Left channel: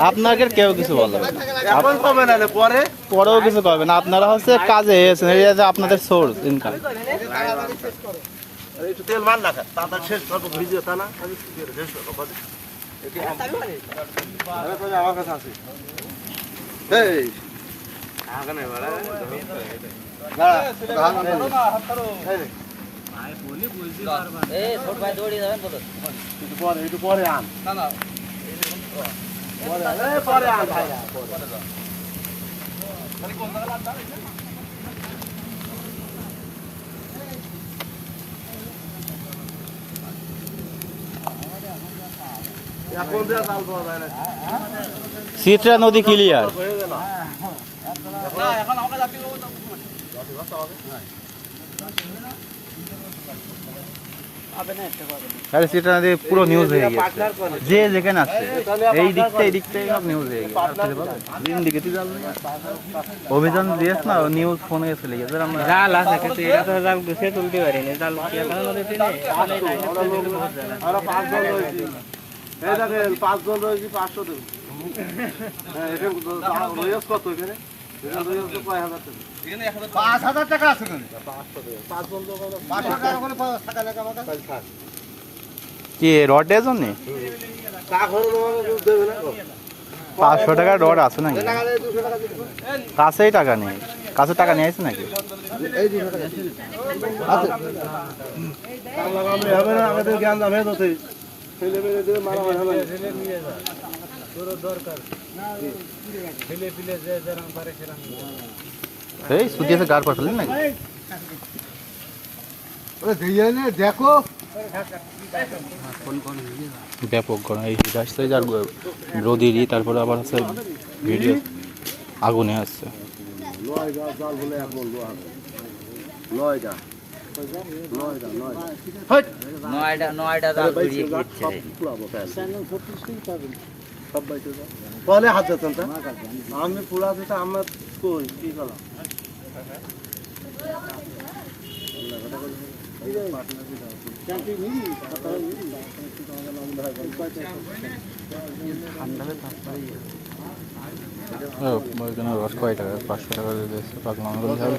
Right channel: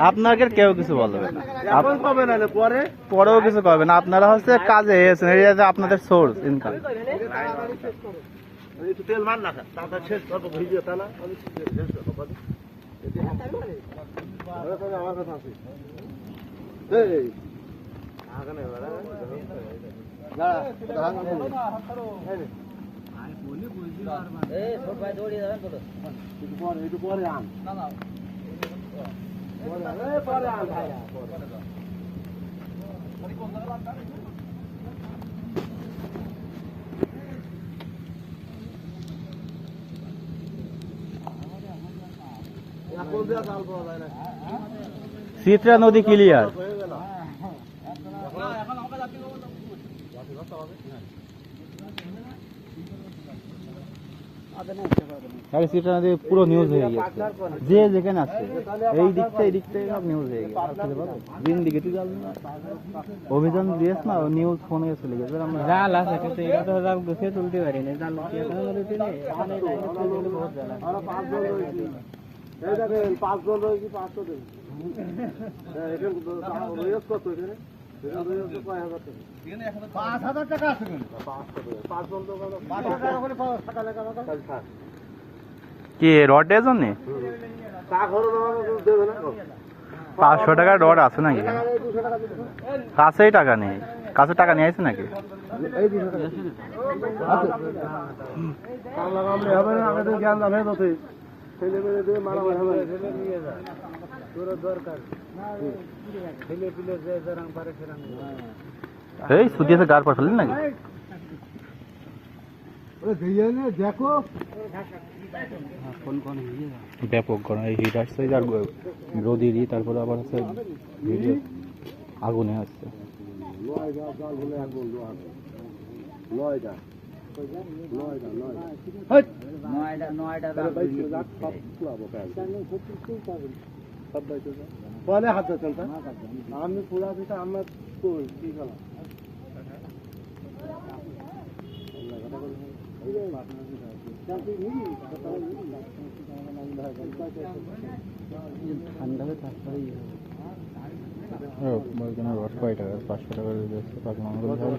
আপনাকে কেউ কিছু বলবে না। না না, পরেও কিছু করবে না। আপনারা হচ্ছে কাজে এসেছেন এই যে আপনাদের সোর্স ইনকাম না তা না। এই। দাঁড়া, দাঁড়া, দাঁড়া, দাঁড়া। এই। রে, একটু পরে, একটু পরে আন। পরে আন, এই পরে আন, ভাই। এখন দিয়ে জাল আরে নদী পুরো নিউজ হয়ে গেছে যে যেখানে আছে এই দিকটা এই দিকটা সব নিউজ হয়ে গেছে আর দিন দিকে তুই জাল অভিযান দিয়েছ না নিউজ ফোনে চলে গেছে আমরা জাল আছে কিন্তু এটা তো জাল গুছিয়ে তুলতে পারিনি জাল এখানে নদীতে নেই এখন এই লাইনে তুলে দিলে বহুত জাল আছে। আমরা পাঁচজন রয়েছি। এই দেখেন, পাঁচজন রয়েছি, পাঁচশো দেবো। হ্যাঁ, এখানে কত এখানে? পাঁচ হাজার টাকা আছে। কি রডের জন্য? পাঁচশো টাকা রড আছে নাকি। কাছেই টাকা নেই কাছে টাকা নিয়ে নাকি আছে। কামলা কামড়ি হবে না, আমাদের জ্ঞান যেতে। ছেলে মেয়ে দিয়ে মারামারি হবে না। এই সুদিয়েছে গার পর ফেললি নাকি দেখো ব্যাপক গরম এই হিট আসছে যার রোদিরই তারপরে আবার হচ্ছে ভিডিও আগুনে আসছে নয়টা। নয়টা। ঘুরিয়ে বলে হাত তা? আমি পুরা দিতে আমরা কই? কি করলাম ও, ওইখানে রস কয় টাকা? পাঁচশো টাকা দিয়ে দিচ্ছে পাকলাম বলতে হবে